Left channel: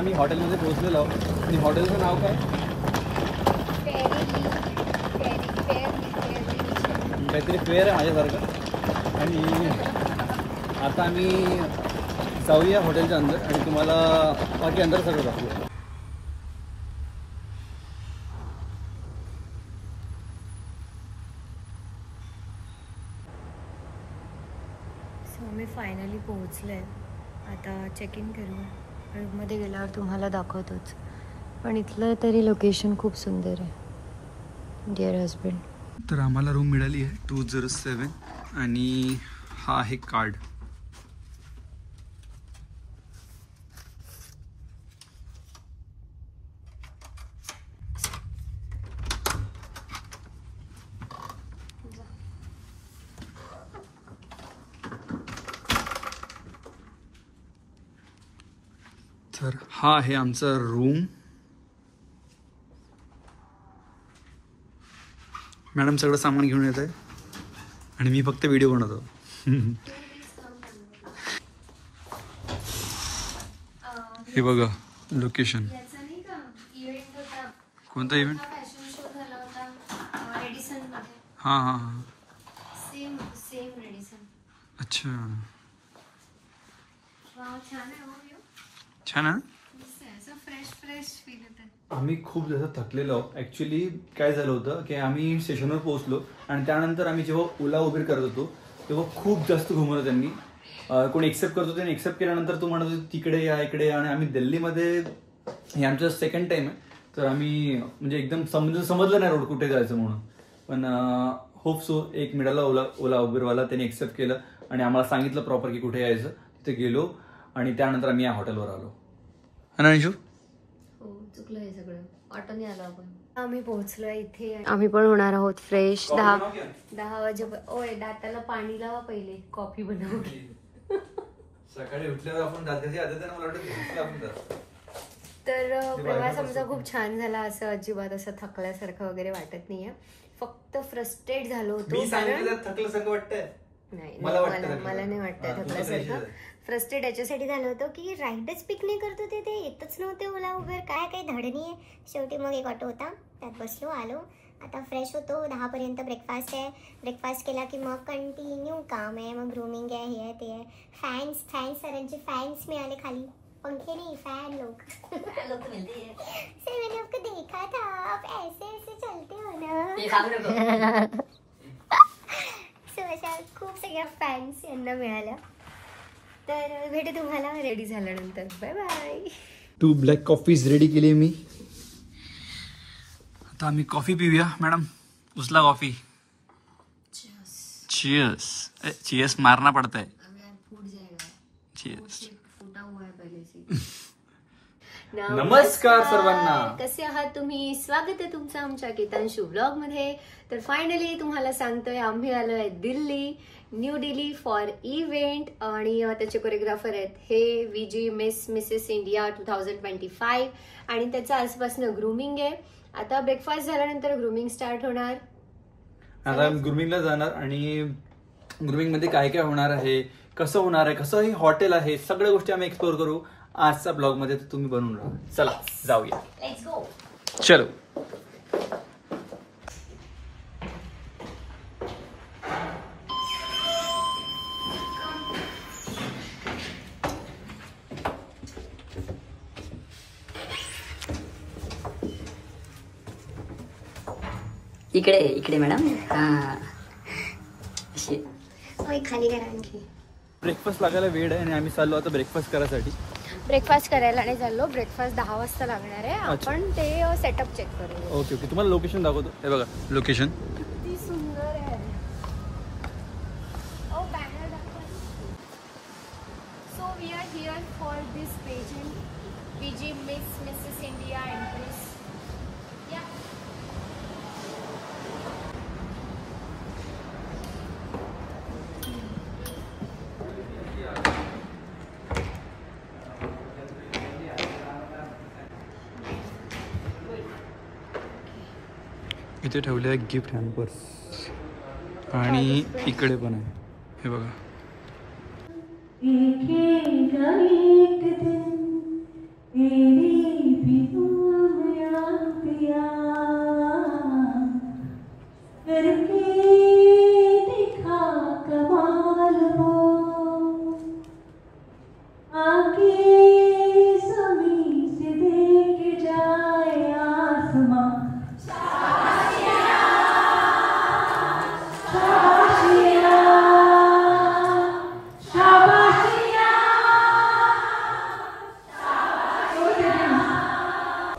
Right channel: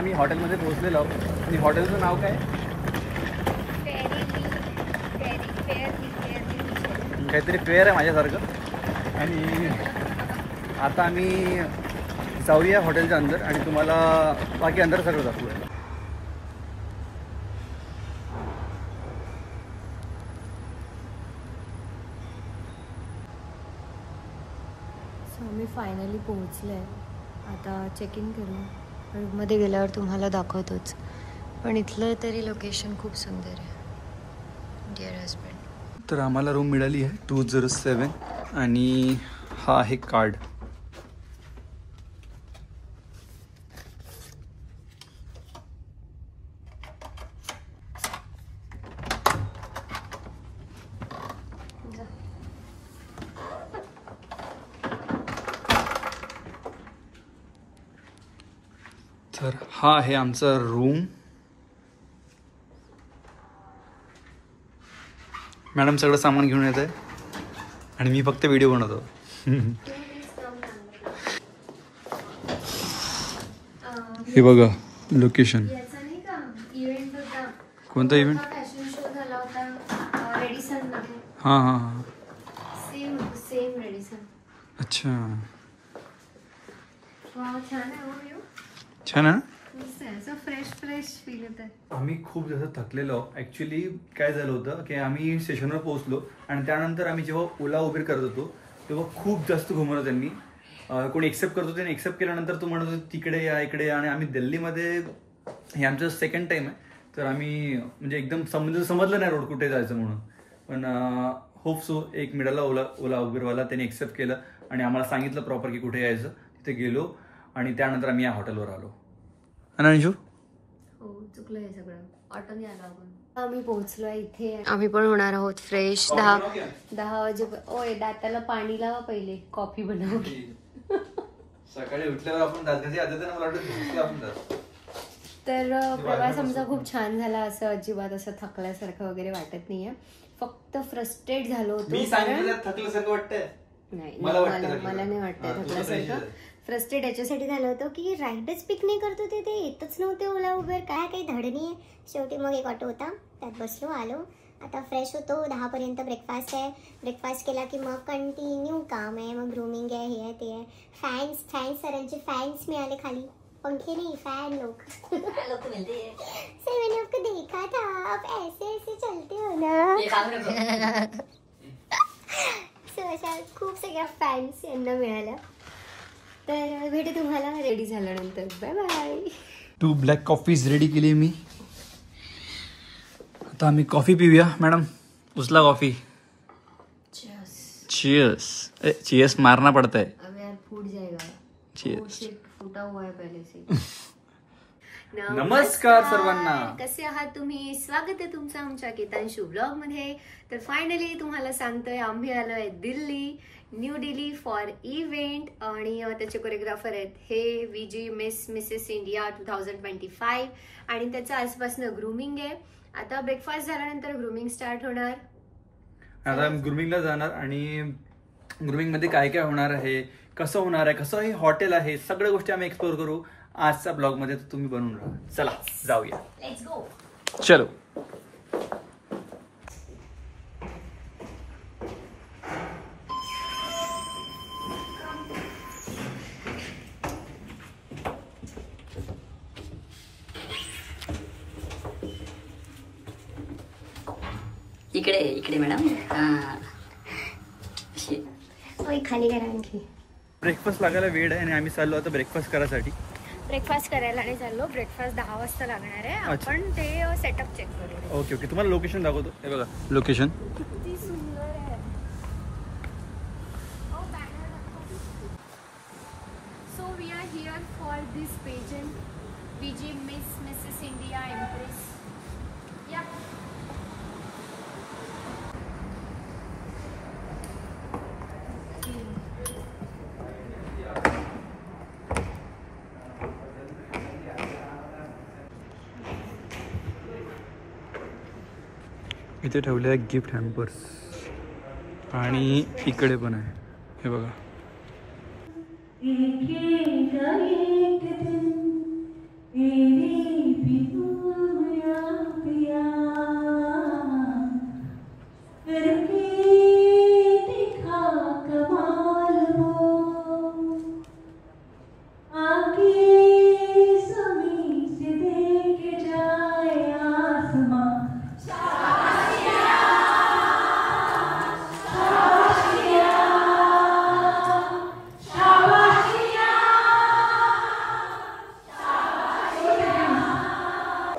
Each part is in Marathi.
आम्ही हॉटेलमध्ये पोहोचलेलो आहोत आणि हॉटेलचं नाव काय? काहीतरी फेअर आहे माझ्यासारखं. आणि आता आम्ही जाऊया हॉटेलच्या अंदर आणि तुम्हाला बाकी अंदर सगळं दाखवूया. आम्ही फायनली पोहोचलो आहे. आता चेक इन करूया. रूममध्ये गेल्यावर तुम्हाला दाखवतोच. पण इथलं तरी लोकेशन खूप सुंदर आहे. Dear husband. तर आम्हाला रूम मिळाली आहे 207 आणि हा आहे कार्ड. तर हा आहे आमचा रूम. मॅडम सगळं सामान घेऊन येत आहे आणि मी फक्त व्हिडिओ बनवतो. हे बघा लोकेशन. कोणता इव्हेंट? हां हां हां. अच्छा छान आहे. आम्ही खूप जास्त थकलेलो. ॲक्च्युली काय झालं होतं की आम्ही स्टेशनवर पोहोचलो आणि त्यानंतर आम्ही जेव्हा ओला उबेर करत होतो तेव्हा खूप जास्त घुमवलं त्यांनी. कोणी एक्सेप्ट करतो त्यांनी एक्सेप्ट केल्यानंतर तो म्हणत होतो तिकडे या इकडे या. आणि आम्ही दिल्लीमध्ये हे आमचं सेकंड टाईम आहे. तर आम्ही म्हणजे एकदम समजलं नाही रोड कुठे जायचं म्हणून. पण होप सो एक मिळाला ओला उबेरवाला. त्याने एक्सेप्ट केलं आणि आम्हाला सांगितलं प्रॉपर की कुठे यायचं. तिथे गेलो आणि त्यानंतर आम्ही या हॉटेलवर आलो. अनांशू हो चुकलं हे सगळं. ऑटोने आलो आपण. आम्ही पोहोचलो इथे. आम्ही पण होणार आहोत फ्रेश. 10 वाजे. ओय दाताला पाणी लावा पहिले. कॉफी बनवू. सकाळी उठल्यावर आपण तर प्रवास आमचा खूप छान झाला. असं अजिबात असं थकल्यासारखं वगैरे वाटत नाहीये. फक्त फ्रस्ट्रेट झालो होतो. थकल्यासारखं वाटतंय. नाही मला नाही वाटतं थकल्यासारखं. फ्रस्ट्रेट याच्यासाठी झालं होतं की राईडच पिक नाही करत होते. ते येतच नव्हते ओला उबेर. काय काही धड नाही. शेवटी मग एक ऑटो होता त्यात बसलो आलो. आता फ्रेश होतो. 10 पर्यंत ब्रेकफास्ट आहे. ब्रेकफास्ट केला की मग कंटिन्यू काम आहे. मग ग्रूमिंग आहे. हे आहे ते आहे. फॅन्स सरांचे फॅन्स मिळाले खाली. पंखे नहीं फैन लोग. सर मैंने आपको देखा था आप ऐसे ऐसे चलते हो ना. सो अशा खूप सगळ्या फॅन्स यांना मिळाल्या. तर भेटू तुम्हाला रेडी झाल्यानंतर. Bye bye. 2 black coffees ready केली मी. आता आम्ही कॉफी पिऊया. मॅडम उचला कॉफी. चीयर्स. चीयर्स मारना पड़ता है. अब यार फूट जाएगा. चीयर्स. फुटा हुआ है पहले से. नमस्कार सर्वांना. कसे आहात तुम्ही? स्वागत आहे तुमचं आमच्या केतांशू ब्लॉग मध्ये. तर फायनली तुम्हाला सांगतोय आम्ही आलोय Delhi, new Delhi for event. आणि त्याचे कोरिओग्राफर आहेत हे VG मिसेस इंडिया 2025. आणि त्याचं आजपासून ग्रूमिंग आहे. आता ब्रेकफास्ट झाल्यानंतर ग्रूमिंग स्टार्ट होणार. आता आम्ही ग्रूमिंगला जाणार आणि ग्रूमिंग मध्ये काय काय होणार आहे, कसं होणार आहे, कसं हे हॉटेल आहे, सगळ्या गोष्टी आम्ही एक्सप्लोर करू आजच्या ब्लॉग मध्ये. तुम्ही बनवून राहा. चला जाऊया. Let's go. चलो. इकडे इकडे मॅडम. हा खाली करा आणखी. ब्रेकफास्ट लागायला वेळ आहे आणि आम्ही चाललो आता ब्रेकफास्ट करायसाठी. ब्रेकफास्ट करायला नाही चाललो. ब्रेकफास्ट 10 वाजता लागणार आहे. आपण ते सेटअप चेक करू. Okay okay. तुम्हाला लोकेशन दाखवतो. हे बघा लोकेशन किती सुंदर आहे. So we are here for this pageant VG Mrs India empress. इथे ठेवले आहे गिफ्ट हॅम्पर्स आणि इकडे पण आहे. हे बघा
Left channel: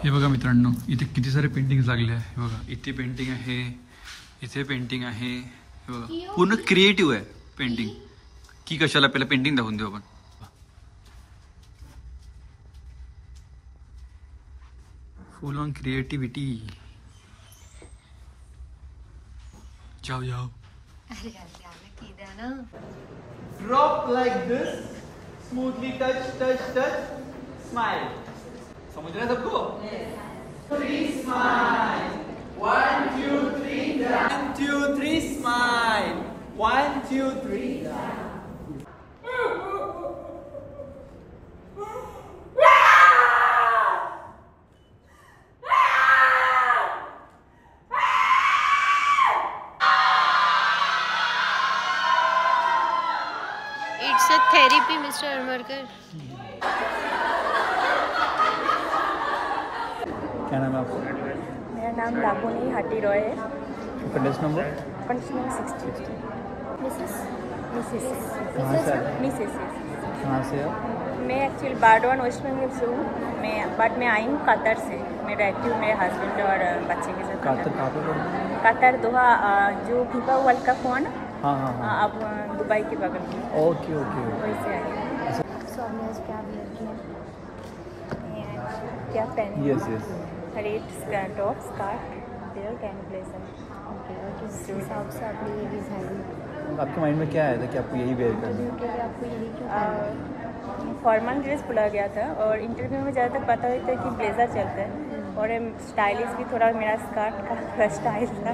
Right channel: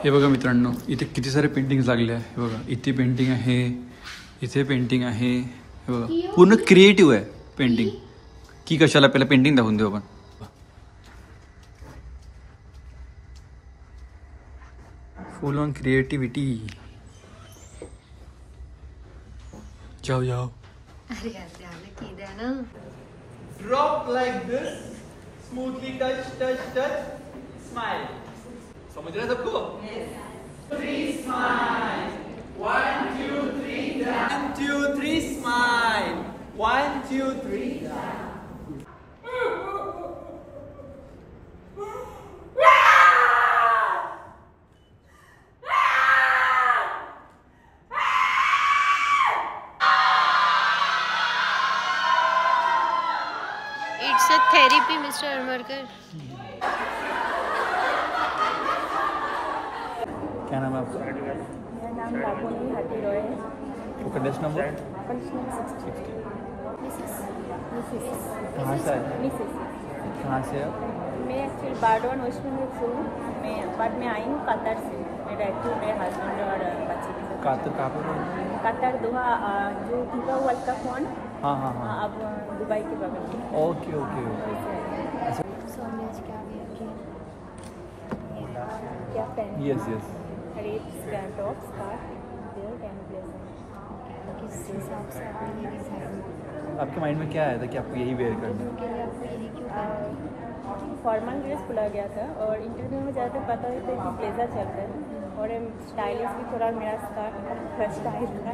हे बघा मित्रांनो, इथे किती सारे पेंटिंग लागले आहे. हे बघा, इथे पेंटिंग आहे, इथे पेंटिंग आहे. हे बघा, पूर्ण क्रिएटिव्ह आहे पेंटिंग. की कशाला, पहिला पेंटिंग दाखवून देऊ आपण. फुल ऑन क्रिएटिविटी. जाओ जाओ. Drop like this, smoothly touch, touch, touch, smile. समझ रहे सबको? Yes. 3 smile. 1 2 3 1 2 3 smile. 1 2 3 It's a therapy, Mr. Armarkar. क्या नाम है आपका? मेरा नाम राहुली हाटी रॉय है. Contest number conditioner 60. मिसेस कहाँ से आए? मिसेस. कहाँ से आप? मैं एक्चुअली बारडवान वेस्ट बंगाल से हूँ. मैं आई हूँ कतर से. मैं रहती हूँ मेरे हस्बैंड और बच्चे के साथ. कातर कहाँ पे पढ़ते हैं? कतर दोहा, जो फीफा वर्ल्ड कप हुआ ना. हाँ हाँ हाँ. अब दुबई के बगल में. Okay okay okay. वैसे आई हूँ. So हमने आज क्या किया? क्या पहन? Yes yes. Red top skirt belt end blazer. Okay, और किस हिसाब से आपने ये डिज़ाइन आपके माइंड में क्या आया था कि आपको यही वेयर करना है? के लिए आपको यही क्यों करना है? फॉर्मल ड्रेस बोला गया था और इंटरव्यू में ज़्यादातर पता ही था कि ब्लेजर चलता है और स्टाइलिश भी थोड़ा मेरा स्कार्ट का स्टाइल था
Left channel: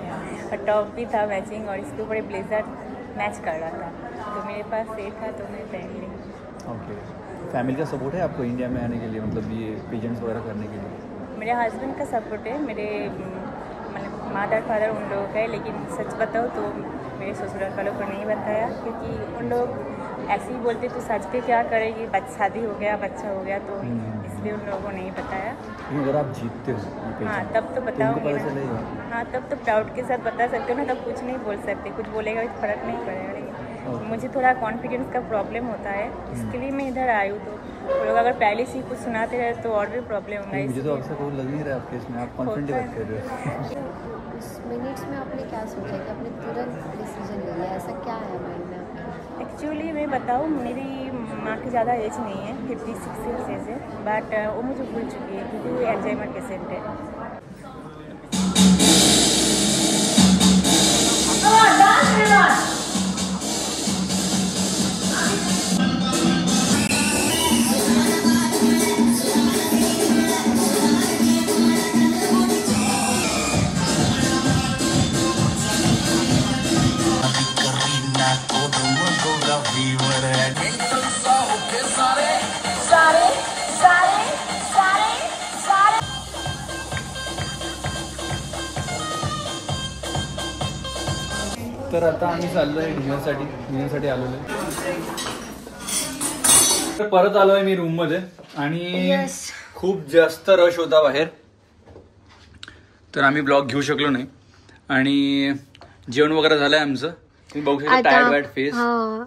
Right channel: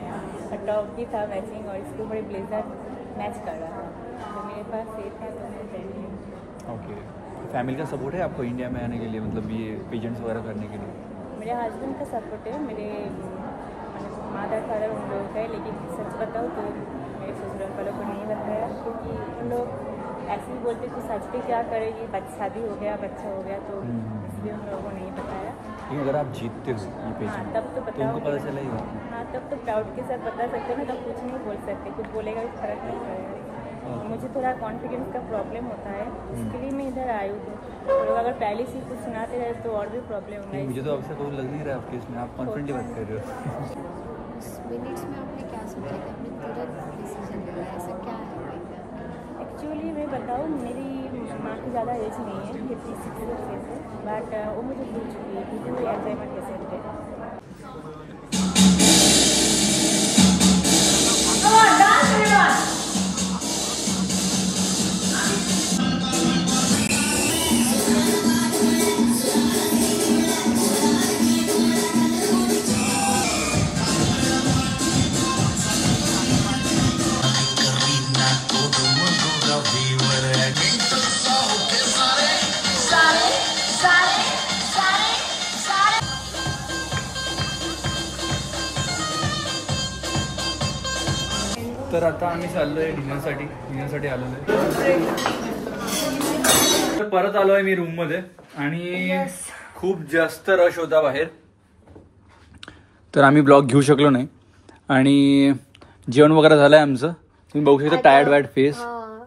और टॉप भी था मैचिंग और इसके ऊपर ब्लेजर मैच कर रहा था. तो मेरे पास ये था तो मैं पहन ली. ओके. फैमिली का सपोर्ट है आपको इंडिया में आने के लिए, मतलब ये पेजेंट्स वगैरह करने के लिए? मेरे हस्बैंड का सपोर्ट है. मेरे मतलब मदर फादर उन लोगों का है, लेकिन सच बताओ तो मेरे ससुराल वालों को नहीं बताया क्योंकि उन लोग ऐसे ही बोलते तो सच के क्या करेगी, शादी हो गया, बच्चा हो गया, तो इसलिए उन लोगों को नहीं बताया. लेकिन अगर आप जीतते हो ये पेजेंट तब तो तो उनको पता चलेगा. हाँ, तब तो प्राउड के साथ बता सकते हो ना. तब कुछ नहीं बोल सकते, कुछ बोलेगा तो फर्क नहीं पड़ेगा. लेकिन मुझे थोड़ा कॉन्फिडेंस का प्रॉब्लम होता है, इसके लिए मैं इधर आई हूँ. तो लोग अगर पहले से ही कुछ सुनाते रहे तो और भी प्रॉब्लम होगा. मुझे तो आपसे कोई लग नहीं रहा आपके इसमें, आप कॉन्फिडेंटली बात कर रहे हो. इस मिनट्स में आपने क्या सोचा कि आपने तुरंत डिसीजन ले लिया? ऐसा क्या है माइंड में आपके? एक्चुअली मैं बताऊँ, मेरी माँ की ज़्यादा एज नहीं है, 56 ईयर्स है, बट वो मुझे भूल चुकी है क्योंकि वो एल्जाइमर पेशेंट है. तर आता आम्ही चाललोय डिनरसाठी आलेलो आहे. तर परत आलोय मी रूम मध्ये आणि खूप जास्त रश होता बाहेर, तर आम्ही ब्लॉग घेऊ शकलो नाही. आणि जेवण वगैरे झालंय आमचं, तुम्ही बघू शकता टायर्ड वाईट फेस.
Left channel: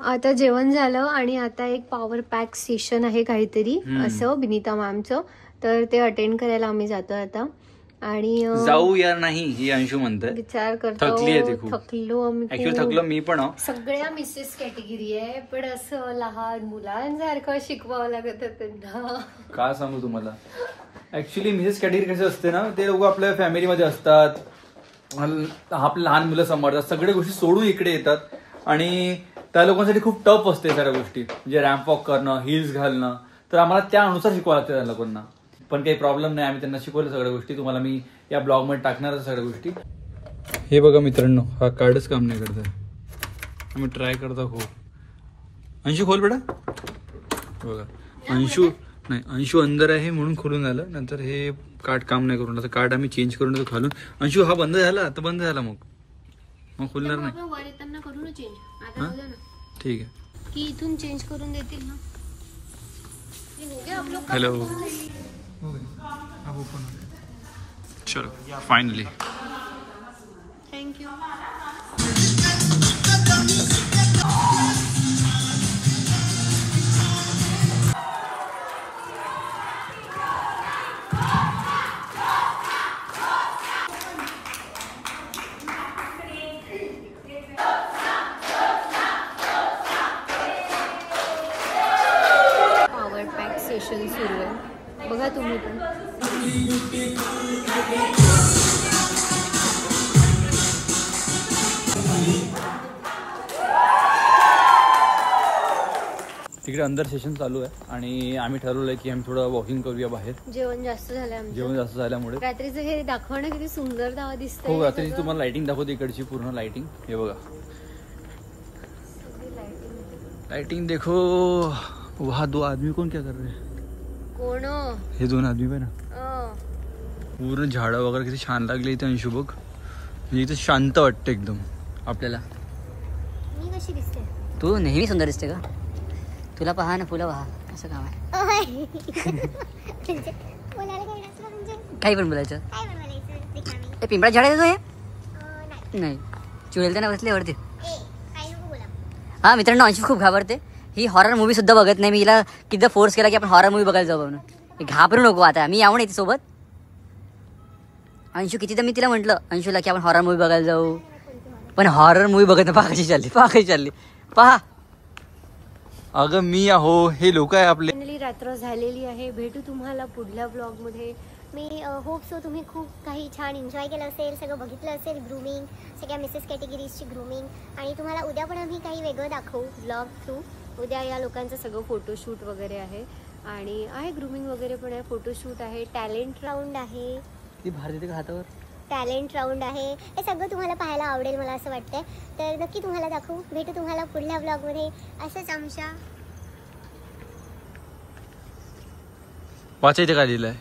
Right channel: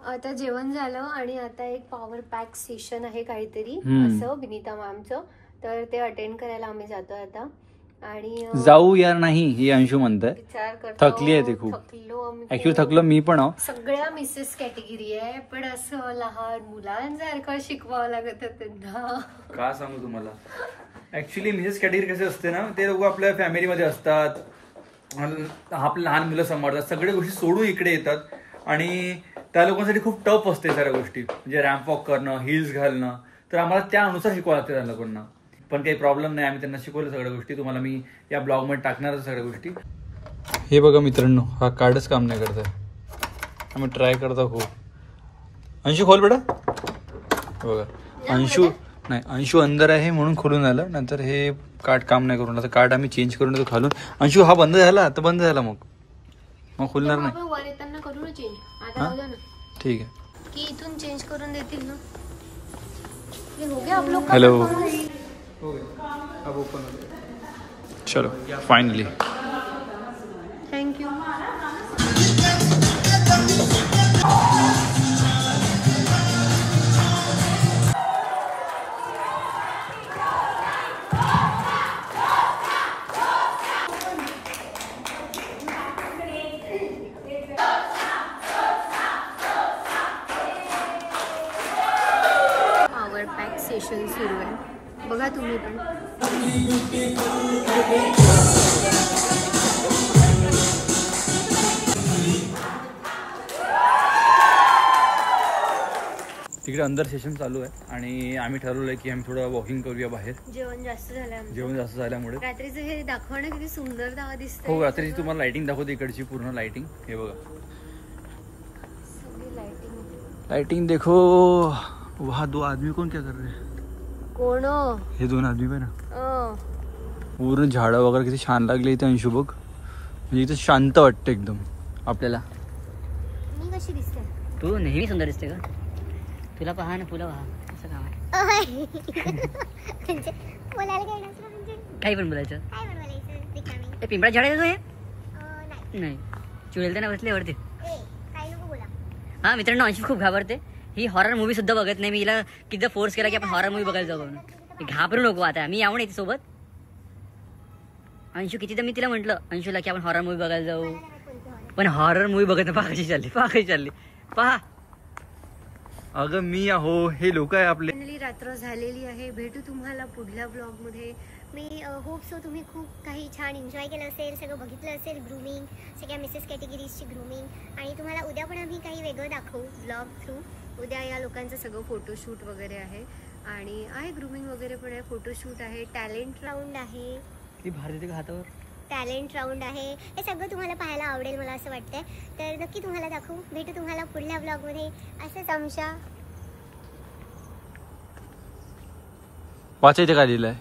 आता जेवण झालं आणि आता एक पॉवर पॅक सेशन आहे काहीतरी असं विनीता मॅमचं, तर ते अटेंड करायला आम्ही जातो आता. आणि जाऊ यार नाही, ही अंशू म्हणताय. विचार करतो, थकली आहे ती खूप. थकलो आम्ही. ऍक्च्युली थकलो मी पण. सगळ्या मिसेस कॅटेगरी आहे, पण असं लहान मुलांसारखं शिकवावं लागत त्यांना. का सांगू तुम्हाला, ऍक्च्युली मिसेस कॅटेगरी कसे असते ना, ते लोक आपल्या फॅमिलीमध्ये असतात, आपल्या लहान मुलं सांभाळतात, सगळ्या गोष्टी सोडून इकडे येतात आणि त्या लोकांसाठी खूप टफ असते सगळ्या गोष्टी, म्हणजे रॅम्प वॉक करणं, हिल्स घालणं. तर आम्हाला त्यानुसार शिकवावं लागतं त्या लोकांना. पण काही प्रॉब्लेम नाही, आम्ही त्यांना शिकवलं सगळ्या गोष्टी. तुम्हाला मी या ब्लॉगमध्ये टाकणारच सगळ्या गोष्टी. हे बघा मित्रांनो, हा कार्डच काम नाही करत आहे. आम्ही ट्राय करतो खूप. अंशू खोल बेटा. बघा अंशू नाही, अंशू अंदर आहे म्हणून खोलून आलं, नंतर हे कार्ड काम नाही करून. आता कार्ड आम्ही चेंज करून तो खालून. अंशू हा बंद झाला, आता बंद झाला, मग खोलणार नाही. वर येताना करू ना चेंज. आता हा? राहू द्या ना ठीक आहे. की इथून चेंज करून देतील ना. ये हो गया आप लोग का हेलो. काम? हो गया, अब ओपन हो गया. चलो finally. Thank you. Power pack session सुरू आहे, बघा तुम्ही पण. तिकडे अंदर सेशन चालू आहे आणि आम्ही ठरवलंय की आम्ही थोडं वॉकिंग करूया बाहेर. जेवण जास्त झालं आमचं. जेवण जास्त झाल्यामुळे. रात्रीचं हे दाखवा ना, किती सुंदर दावा दिसत. हो, रात्री तुम्हाला लाइटिंग दाखवते, इकडची पूर्ण लाइटिंग. हे बघा, सगळी लाइटिंग. लाइटिंग देखो. वहाँ 2 आदमी कौन क्या कर रहे हैं? कोण? हे 2 आदमी पण ना, पूर्ण झाडं वगैरे किती छान लागले इथे. अंशू बघ, म्हणजे इथे शांत वाटतं एकदम आपल्याला. मी कशी दिसते? तू नेहमी सुंदर दिसते का? तुला पहा ना, फुलं पहा, असं काम आहे. म्हणजे बोलायला काय नसलं म्हणजे काही पण बोलायचं. काय पण बोलायचं रिकामी. ते पिंपळा झाड आहे का हे? नाही. नाही, चुडेल त्यांना बसले आवडते. काही नको बोला. हा मित्रांनो, अंशू खूप घाबरते. ही हॉरर मूवी सुद्धा बघत नाही. मी हिला किती फोर्स केला की आपण हॉरर मूवी बघायला जाऊ म्हणून. घाबरू नको, आता मी यावं नाही सोबत. अंशू कितीदा मी तिला म्हटलं अंशूला की आपण हॉरर मूवी बघायला जाऊ, पण हॉरर मूवी बघत नाही. पहा कशी चालली, पहा. अगं मी आहो, हे लोक आहे आपले. फायनली रात्र झालेली आहे. भेटू तुम्हाला पुढल्या ब्लॉग मध्ये. मी होप सो तुम्ही खूप काही छान एन्जॉय केलं असेल, सगळं बघितलं असेल. ग्रूमिंग, सगळ्या मिसेस कॅटेगरीजची ग्रूमिंग. आणि तुम्हाला उद्या पण आम्ही काही वेगळं दाखवू ब्लॉग थ्रू. उद्या या लोकांचं सगळं फोटोशूट वगैरे आहे, आणि आहे ग्रूमिंग वगैरे पण आहे, फोटोशूट आहे, टॅलेंट राऊंड आहे. ती भार देते का हातावर? टॅलेंट राऊंड आहे. हे सगळं तुम्हाला पाहायला आवडेल मला असं वाटतंय. तर नक्की तुम्हाला दाखवू. भेटू तुम्हाला पुढल्या ब्लॉगमध्ये. असंच आमच्या वाचा इथे काय लिहिलंय.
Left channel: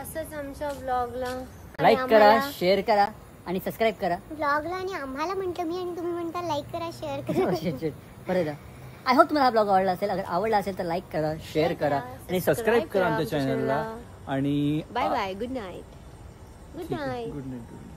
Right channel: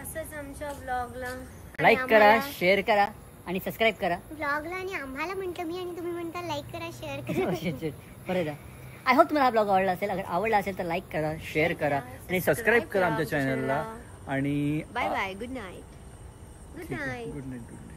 असंच आमच्या ब्लॉगला लाईक करा, शेअर करा आणि सबस्क्राईब करा. ब्लॉगला आणि आम्हाला म्हटलं मी, आणि तुम्ही म्हणता लाईक करा, शेअर करा. बरं, आय होप तुम्हाला हा ब्लॉग आवडला असेल. अगर आवडला असेल तर लाईक करा, शेअर करा आणि सबस्क्राईब करा आमच्या चॅनलला. आणि bye bye. Good night. Good night. Good night.